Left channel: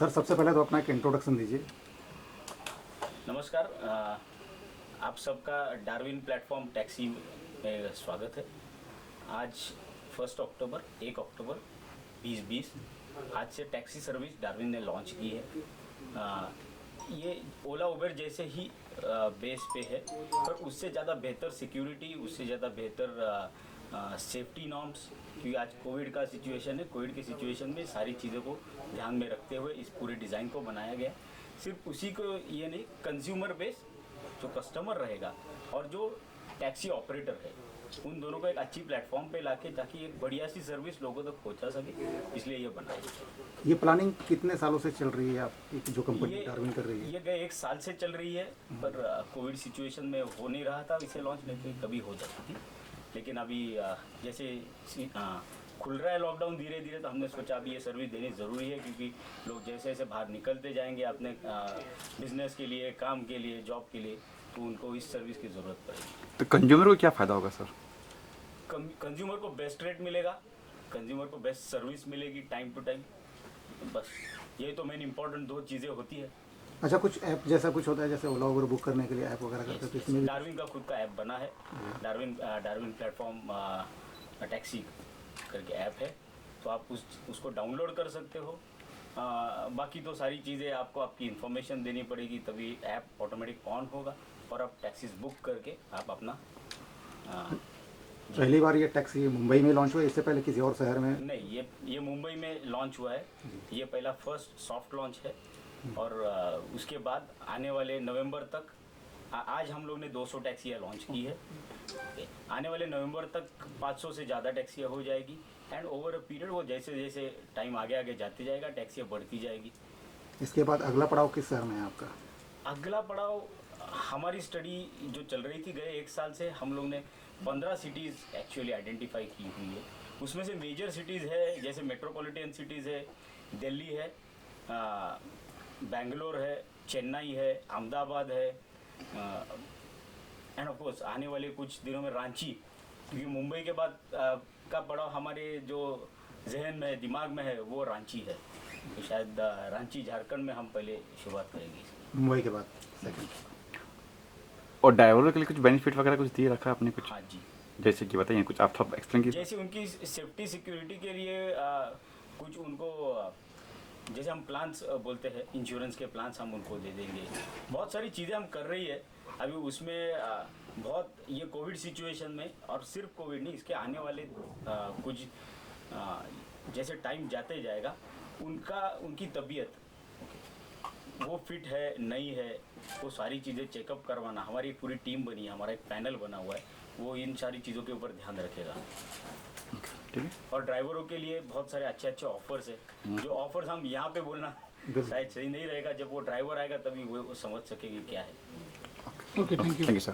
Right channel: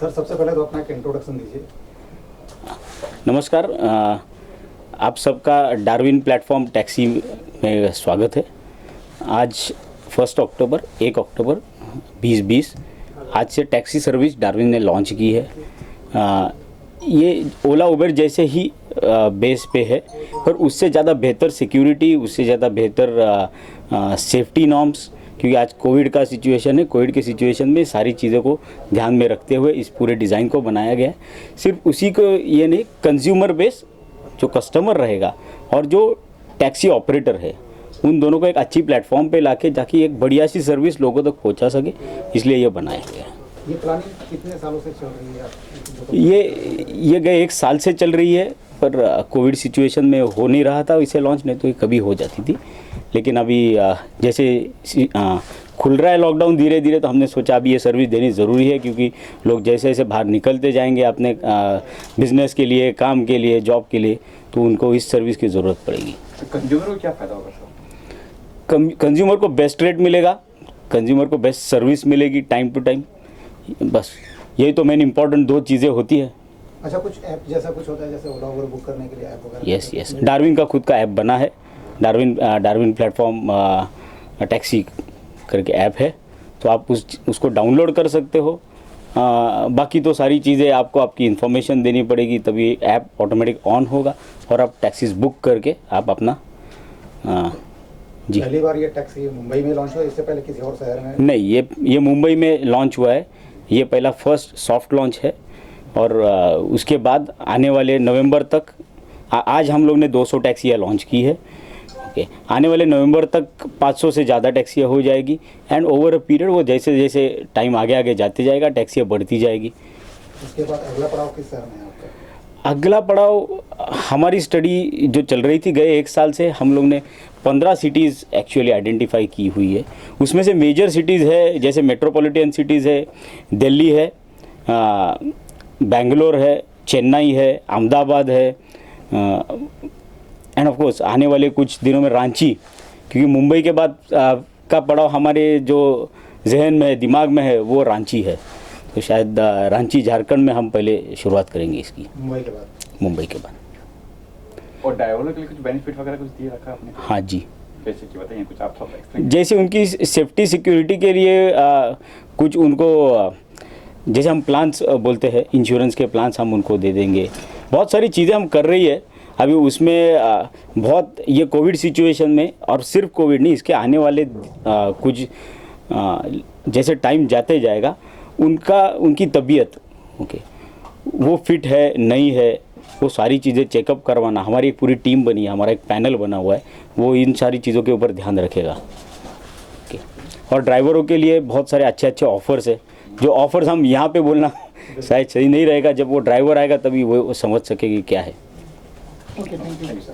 Sir सबसे पहले तो अपना एक इंट्रोडक्शन दीजिए। नमस्कार, आप सबका डार्विन प्लेटफॉर्म टैक्सी में स्वागत है। आज 1 अक्टूबर 2020 आज से टैक्सी सर्विस डार्विन ने लॉन्च की है। ये ओला उबर जैसे ही बेस पे है, पर उससे ज़्यादा बेहतर सिक्योरिटी, उससे ज़्यादा बेहतर सेफ्टी नॉर्म्स, क्योंकि आज कोविड का सिचुएशन है। कोविड के सिचुएशन में सारी चीज़ों को ध्यान में रखते हुए इस पूरे डिज़ाइन को बनाया गया है। सिर्फ उसी को ये नहीं, कंज्यूमर बेस जो कस्टमर रहेगा और जो टैक्सी ऑपरेटर है, उन दोनों को एक अच्छी प्लेटफॉर्म पे लाके ताकि एक बढ़िया सी सर्विस लोगों तक पहुंचा सके, इसलिए ये बनाया गया है। ये प्लानिंग कितने सालों से चल रही है आप? ये गए 1 साल से चल रही है, पर कोविड सिचुएशन में हो नहीं रहा था इसे लॉन्च, नहीं तो ये कभी हो जाती थी। लेकिन अभी जैसे खुल रहा है लॉकडाउन धीरे धीरे, तो हमने सोचा अभी ये सर्विस देनी ज़रूरी है, क्योंकि लोग जैसे जैसे बाहर निकलते जाएंगे अपने बिजनेस के लिए, काम के लिए, जॉब के लिए, तो उनको इस सर्विस की ज़रूरत पड़ेगी। कंज्यूमर को क्या फ़ायदा होगा सर? कंज्यूमर को बेस्ट रेट मिलेगा, कंज्यूमर को बेस्ट सर्विस मिलेगी टाइम टू टाइम। बस यही तो मेन इंपॉर्टेंट 2 चीज़ें होती है। अच्छा, कुछ ऐप जैसा कुछ होता है जैसे ओला उबर बुक करने के लिए ऐप वगैरह? यस, डार्विन का खुद का ऐप बना है। डार्विन प्लेटफॉर्म टैक्सी करके ऐप है, तो आप उसको डाउनलोड कर सकते हो। बाकी तो सारी चीज़ें आपको आपकी इन्फॉर्मेशन देनी पड़ेगी, तभी ऐप ऑटोमेटिक ऑन होगा और आप टैक्सीज बुक करके आप अपना जी। पहली बार ये टैक्सी मुंबई में लॉन्च हुआ, इससे पहले किसी और शहर में? नहीं, ये मुंबई में लॉन्च हुआ है। ये पहला फर्स्ट सॉफ्ट लॉन्च है, और उसके बाद आने वाले नवंबर तक आज हम लोग ने 200 टैक्सियाँ लॉन्च की है। ओके, आने वाले नवंबर तक 500 से ज़्यादा टैक्सियाँ हो जाएगी, एंड ओवर अ पीरियड वो जैसे जैसे टाइम आगे आगे जाते जाएगा, टैक्सियाँ बढ़ती जाएगी। इसके बाद अगला पड़ाव किस शहर में है आपका? अगला पड़ाव, हमारी स्टडी जो चल रही थी गए 1 साल से, हम लोग ने 15 सिटीज़ एक्चुअली आइडेंटिफाई की हुई है। उसमें से मेजर सिटीज़ है, जैसे मेट्रोपॉलिटन सिटीज़ है, दिल्ली है, बेंगलोर है, चेन्नई है, अहमदाबाद है, एंड ऑफ कोर्स आने वाले कुछ दिनों में रांची, क्योंकि मुंबई के बाद का पड़ाव हमारे जो जहन में है, दिमाग में है, वो रांची है। तो शायद रांची, झारखंड में हम पहले शुरुआत करेंगे इसकी, मुंबई के बाद? मुंबई के बाद। और ड्राइवरों के लिए कुछ बेनिफिट वगैरह कुछ दिए रखा है आपने? हाँ जी, जैसे कि बताइए कुछ, आप थोड़ा एक्सप्लेन। जैसे उनकी सेफ्टी सिक्योरिटी के लिए कुछ उनको जैसे हम प्लान्स बोलते हैं, इंश्योरेंस के प्लान्स हम उनको दे देंगे। बहुत सारी चीज़ें हम कर रही है अभी उसमें। बहुत ये कोविड सिचुएशन में, और सिर्फ कोविड नहीं, इसके आने वाले कुछ जैसे टाइम जाते जाएगा, उनकी तबीयत ओके वो फिट है नहीं है, वो सारी चीज़ें चेकअप करवाना, हमारी एक पूरी टीम बनी है, हमारा एक पैनल बना हुआ है, वो इन सारी चीज़ों के ऊपर ध्यान रखेगा। ओके, और ड्राइवरों के लिए बहुत सारे अच्छे अच्छे ऑफर्स है, जो ऑफर्स हम यहाँ पे बोलना शायद सही नहीं रहेगा, जब वो ड्राइवर आएगा तभी वो समझ सकेगी क्या है। Okay, thank you sir.